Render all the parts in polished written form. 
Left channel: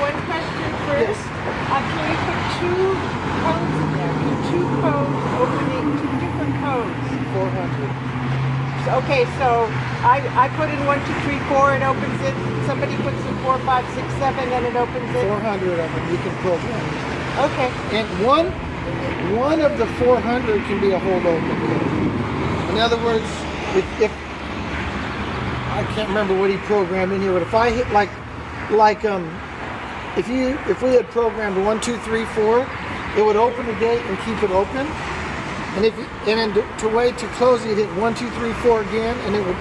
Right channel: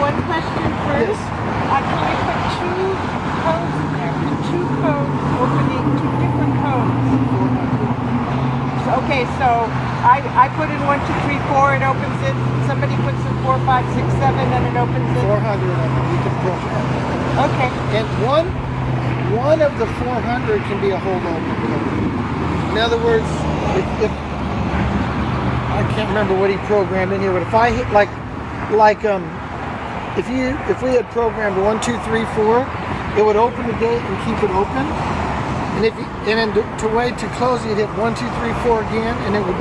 one question first. Yes. Can you put two codes in there? Can two codes opening two different codes? 400. Okay, so I put in 1, 2, 3, 4, it opens it. Somebody puts in 4, 5, 6, 7, then it opens it. 400 of them you can program. Okay. And one of the 400 can be a holdover. In other words, if I can't remember what he programmed in here, but if I hit if we had programmed 1, 2, 3, 4, it would open the gate and keep it open. And then to wait to close, you'd hit 1, 2, 3, 4 again, and it would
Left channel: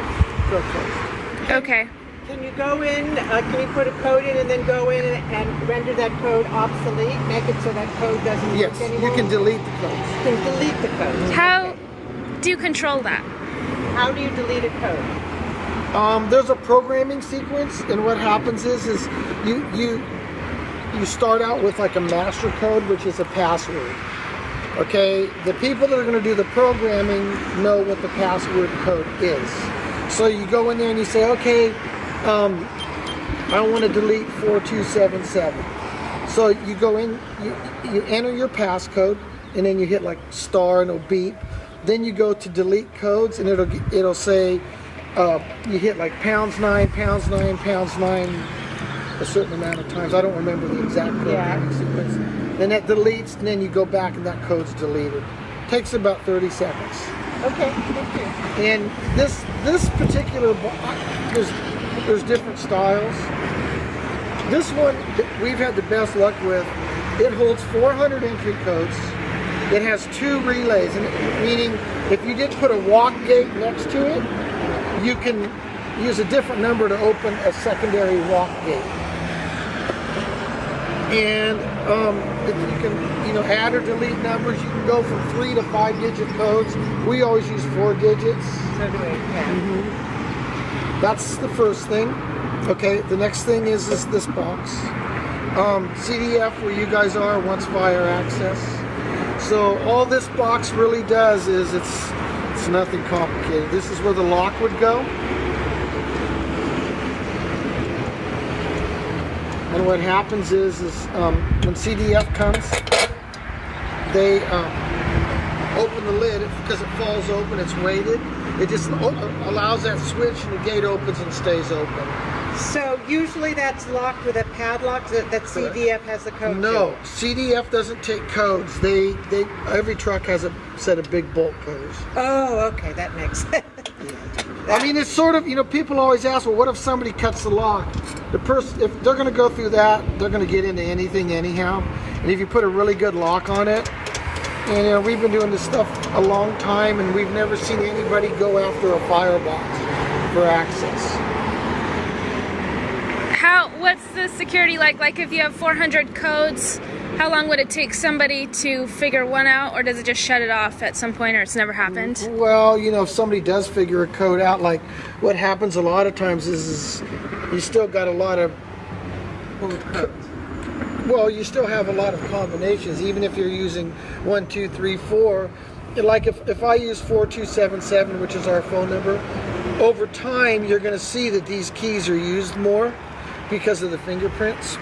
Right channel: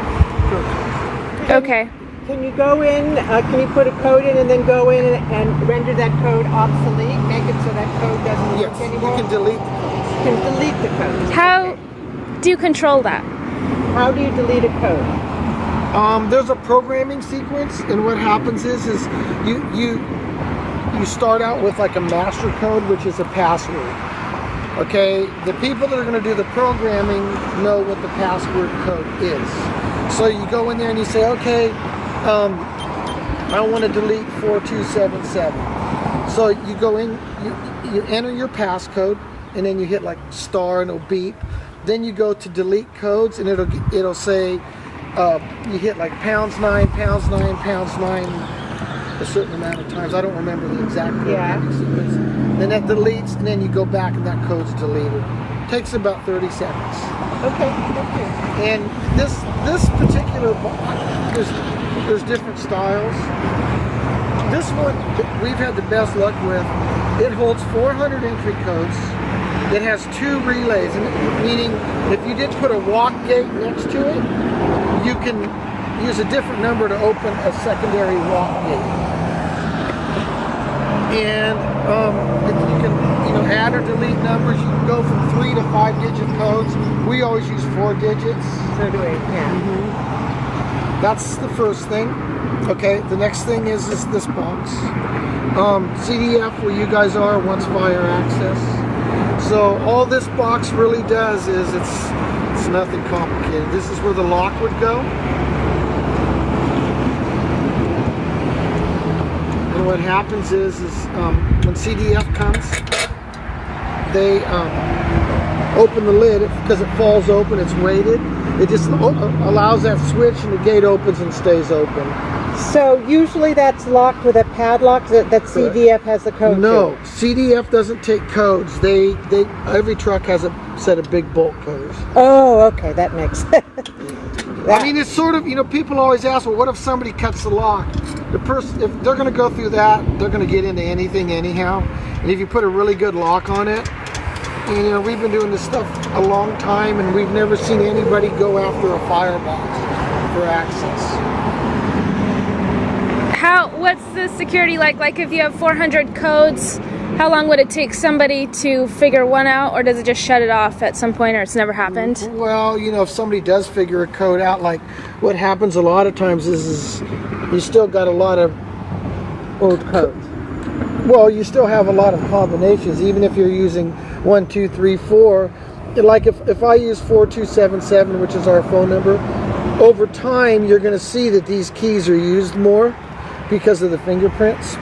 go close. Okay. Can you go in? Can you put a code in and then go in and render that code obsolete? Make it so that code doesn't Yes, work anymore. you can delete the code. You can delete the code. How do you control that? How do you delete a code? There's a programming sequence, and what happens is you start out with like a master code, which is a password. Okay, the people that are going to do the programming know what the password code is. So you go in there and you say, okay, I want to delete 4277. So you go in, you enter your passcode, and then you hit like star and it'll beep. Then you go to delete codes, and it'll say you hit like #9, #9, #9 a certain amount of times. I don't remember the exact code sequence. Then that deletes, and then you go back and that code's deleted. Takes about 30 seconds. Okay, thank you. And this particular box, there's different styles. This one we've had the best luck with. It holds 400 entry codes. It has 2 relays, and meaning if you did put a walk gate next to it, you can use a different number to open a secondary walk gate. And you can add or delete numbers. You can go from 3 to 5 digit codes. We always use 4 digits. So do we, yeah. Mm-hmm. That's the first thing. Okay, the next thing is this box. CDF, where you guys are, wants fire access. So all this box really does is it's nothing complicated. This is where the lock would go. And what happens is when CDF comes, they open the lid because it falls open, it's weighted. It just allows that switch and the gate opens and stays open. So usually that's locked with a padlock that CDF has the code No, to. CDF doesn't take codes. Every truck has a set of big bolt codes. Oh, okay, that makes sense. I mean, it's sort of, people always ask, well, what if somebody cuts the lock? The person, if they're going to go through that, they're going to get into anything anyhow. And if you put a really good lock on it, and we've been doing this stuff a long time, and we've never seen anybody go after a firebox for access. What's the security like? Like if you have 400 codes, how long would it take somebody to figure one out, or does it just shut it off at some point, or it's never happened? Well, if somebody does figure a code out, like what happens a lot of times is you still got a lot of Old codes. Well, you still have a lot of combinations, even if you're using 1, 2, 3, 4. Like if I use 4277, which is our phone number, over time you're going to see that these keys are used more because of the fingerprints.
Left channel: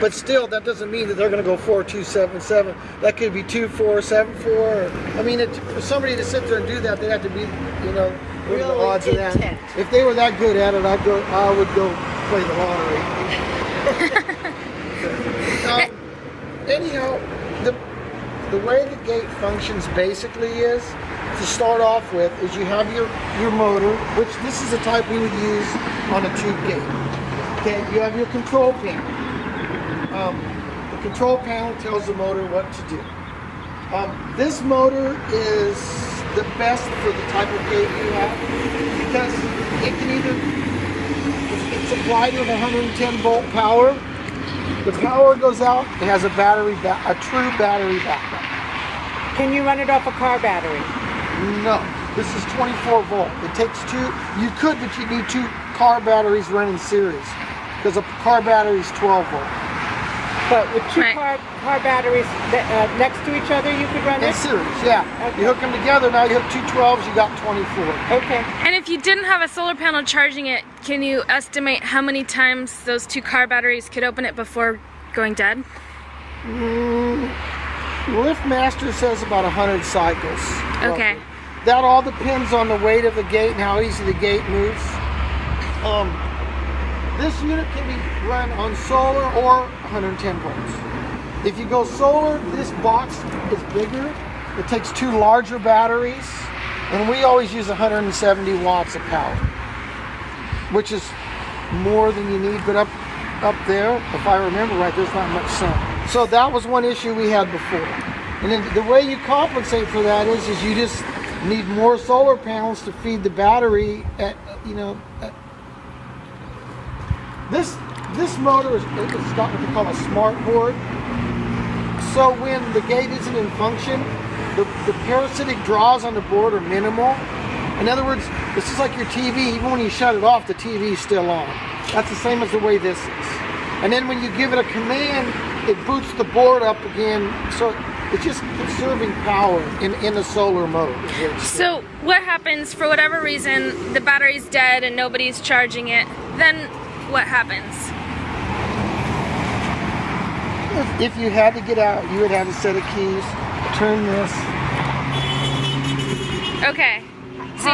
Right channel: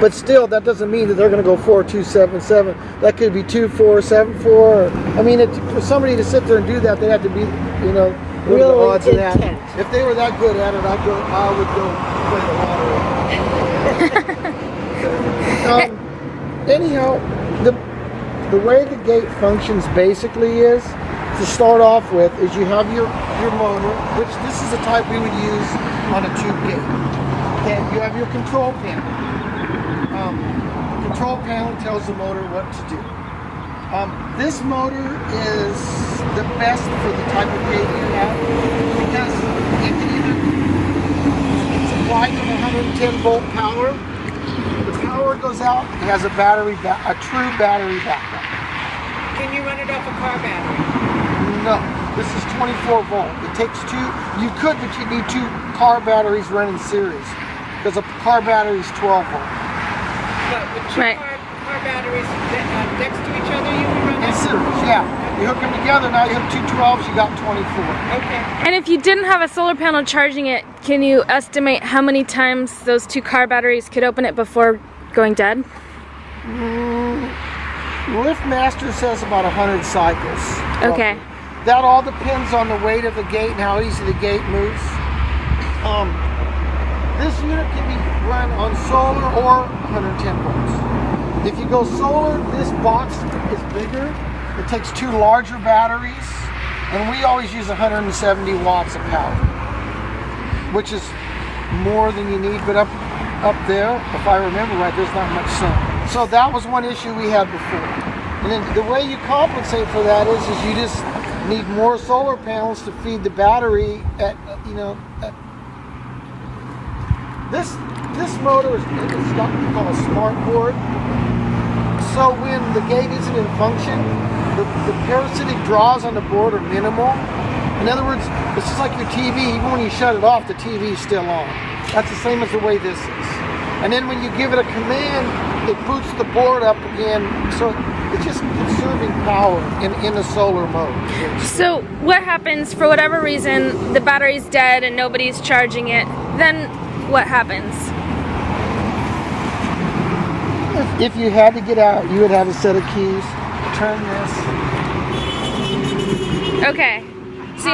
But still, that doesn't mean that they're going to go 4277. That could be 2474. I mean, for somebody to sit there and do that, they have to be, what are the odds of that? If they were that good at it, I would go play the lottery. Anyhow, the way the gate functions basically is, to start off with, is you have your motor, which this is the type we would use on a tube gate. Okay, you have your control panel. The control panel tells the motor what to do. This motor is the best for the type of gate you have, because it can it's supplied with 110 volt power. The power goes out, it has a true battery backup. Can you run it off a car battery? No, this is 24 volt. It takes 2, you could, but you need 2 car batteries running series, because a car battery is 12 volt. But with 2 car batteries next to each other, you can run In it? series, yeah. You hook them together, now you have two 12s, you got 24. Okay. And if you didn't have a solar panel charging it, can you estimate how many times those 2 car batteries could open it before going dead? LiftMaster says about 100 cycles. Okay. That all depends on the weight of the gate and how easy the gate moves. This unit can be run on solar or 110 volts. If you go solar, this box is bigger. It takes 2 larger batteries, and we always use 170 watts of power, which is more than you need, but up there, if I remember right, there's not much sun. So that was one issue we had before. And then the way you compensate for that is you just need more solar panels to feed the battery at, this motor is what we call a smart board. So when the gate isn't in function, the parasitic draws on the board are minimal. In other words, it's just like your TV. Even when you shut it off, the TV is still on. That's the same as the way this is. And then when you give it a command, it boots the board up again. So it's just conserving power in the solar mode. So what happens, for whatever reason, the battery's dead and nobody's charging it, then what happens? If you had to get out, you would have a set of keys. Turn this. Okay. So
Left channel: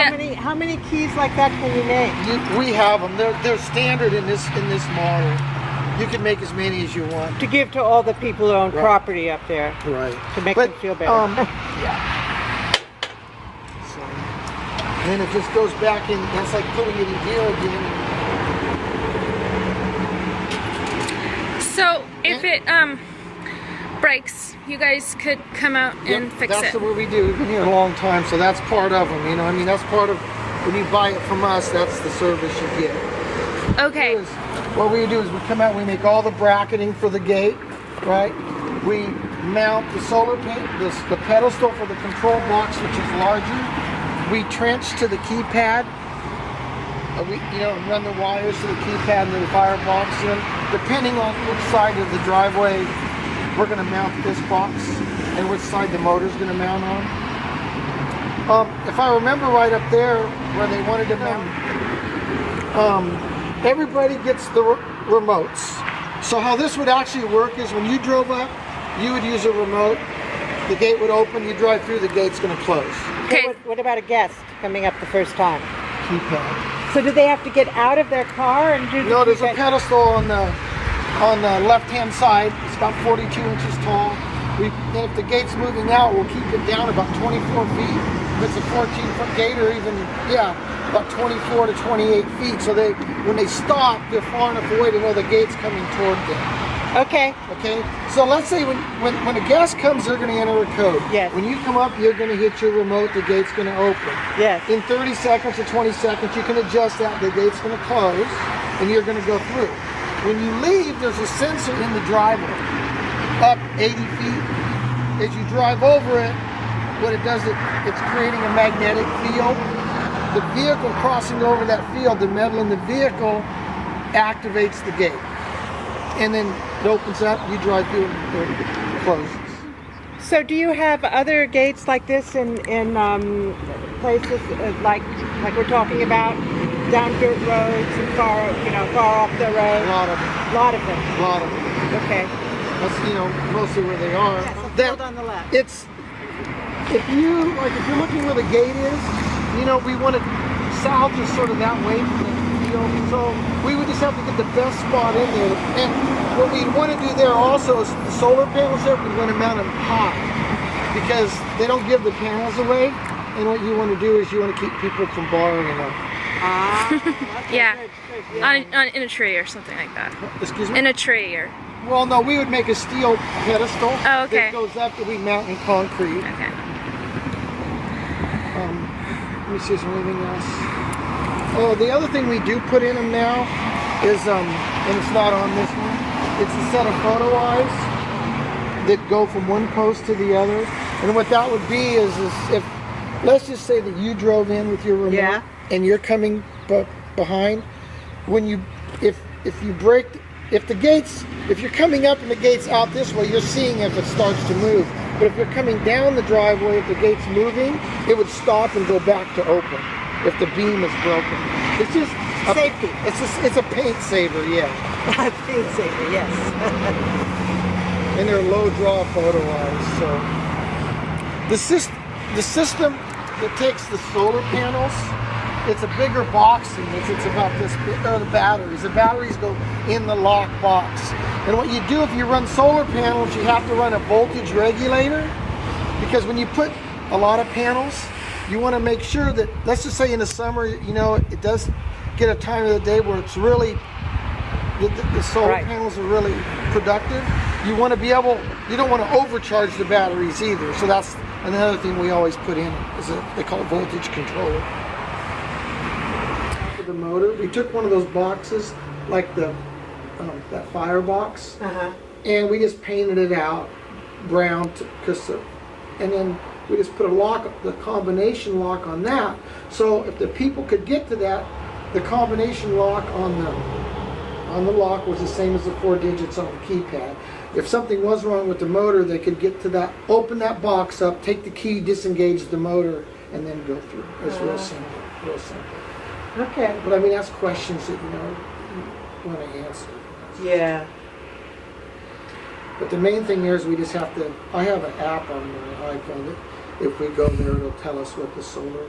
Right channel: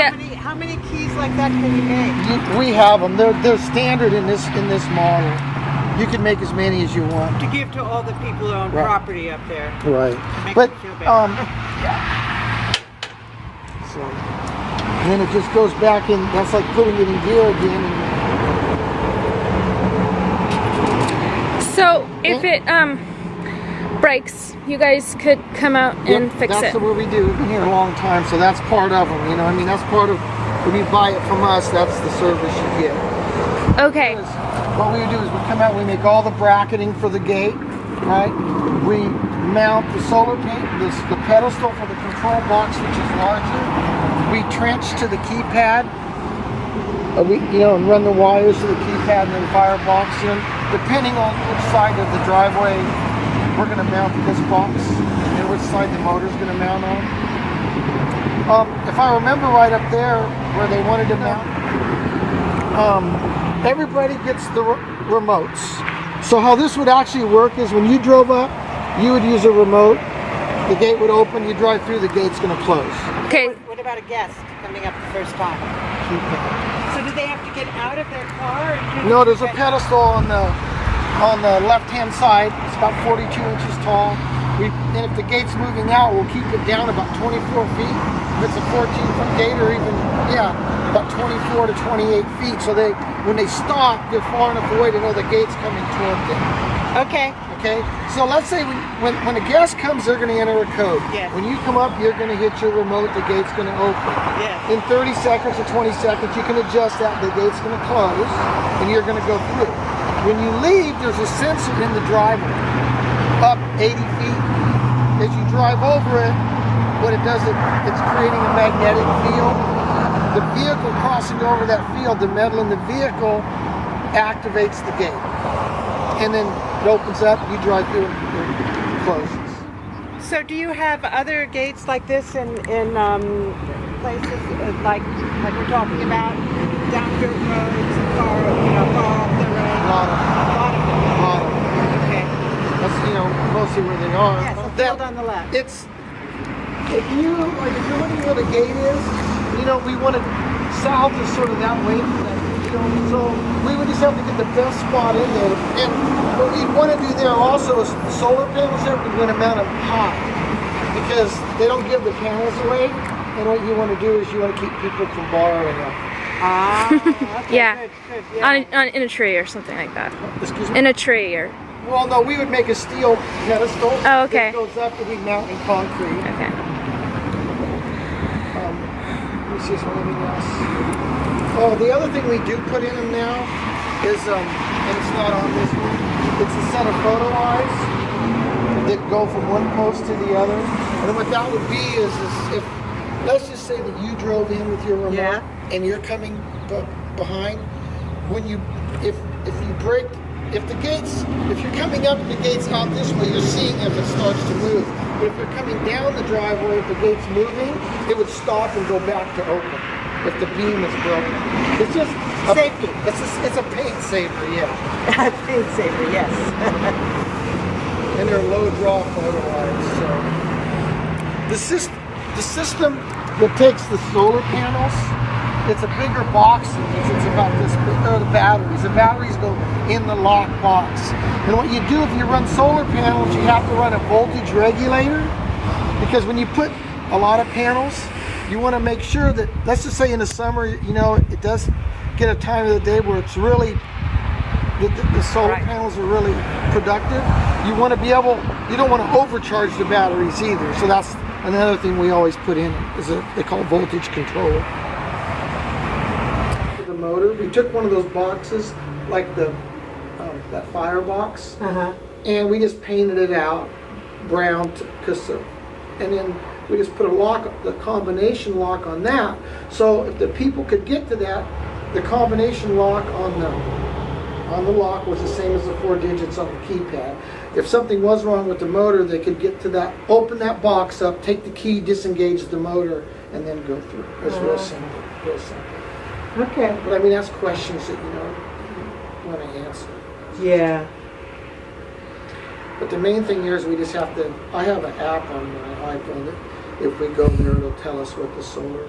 How many keys like that can you make? We have them. They're standard in this model. You can make as many as you want. To give to all the people who own property up there. Right. To make them feel better. Yeah. So, and then it just goes back in. That's like putting it in gear again. So if it breaks, you guys could come out and fix it. That's what we do. We've been here a long time, so that's part of them. That's part of when you buy it from us. That's the service you get. Okay. What we do is we come out, we make all the bracketing for the gate, right? We mount the solar panel, the pedestal for the control box, which is larger. We trench to the keypad. And run the wires to the keypad and the firebox. And depending on which side of the driveway we're going to mount this box and which side the motor's going to mount on. If I remember right up there where they wanted to mount, everybody gets the remotes. So how this would actually work is when you drove up, you would use a remote, the gate would open, you drive through, the gate's going to close. Okay. What about a guest coming up the first time? Keypad. So do they have to get out of their car and do? No, there's a pedestal on the left-hand side. It's about 42 inches tall. And if the gate's moving out, we'll keep it down about 24 feet. If it's a 14-foot gate, or even about 24 to 28 feet. So when they stop, they're far enough away to know the gate's coming toward them. Okay. Okay. So let's say when a guest comes, they're going to enter a code. Yes. When you come up, you're going to hit your remote. The gate's going to open. Yes. In 30 seconds or 20 seconds, you can adjust that. The gate's going to close, and you're going to go through. When you leave, there's a sensor in the driveway, up 80 feet. As you drive over it, what it does, it's creating a magnetic field. The vehicle crossing over that field, the metal in the vehicle activates the gate. And then it opens up, you drive through and it closes. So do you have other gates like this in places like we're talking about, down dirt roads, far off the road? A lot of them. Okay. That's mostly where they are. Yes, a field on the left. If you're looking where the gate is, we want to salvage sort of that way. So we would just have to get the best spot in there. And what we want to do there also is the solar panels there, we want to mount them high because they don't give the panels away. And what you want to do is you want to keep people from borrowing them. Okay, Yeah. Good, yeah. In a tree or something like that. Excuse me? In a tree or. Well, no, we would make a steel pedestal. Oh, okay. That goes up to be mounted in concrete. Okay. Let me see something else. Oh, the other thing we do put in them now is, and it's not on this one, it's a set of photo eyes that go from one post to the other. And what that would be is if, let's just say that you drove in with your remote and you're coming behind, if you brake if you're coming up and the gate's out this way, you're seeing if it starts to move. But if you're coming down the driveway, if the gate's moving, it would stop and go back to open if the beam is broken. It's just Safety. It's a paint saver, yeah. Paint saver, yes. And they're low draw photo eyes. So the system that takes the solar panels, it's a bigger box than this. It's about this big. The batteries. The batteries go in the lock box. And what you do if you run solar panels, you have to run a voltage regulator, because when you put a lot of panels, you want to make sure that, let's just say in the summer, you know, it does get a time of the day where it's really, the solar Right. panels are really productive. You want to be able, you don't want to overcharge the batteries either. So that's another thing we always put in is they call it voltage controller. The motor, we took one of those boxes, like that firebox, and we just painted it out brown, and then we just put a lock, the combination lock on that. So if the people could get to that, the combination lock on the lock was the same as the 4 digits on the keypad. If something was wrong with the motor, they could get to that, open that box up, take the key, disengage the motor, and then go through. It's real simple, real simple. Okay. But I mean, that's questions that you want to answer. Yeah. But the main thing here is we just have to, I have an app on my iPhone that if we go there, it'll tell us what the solar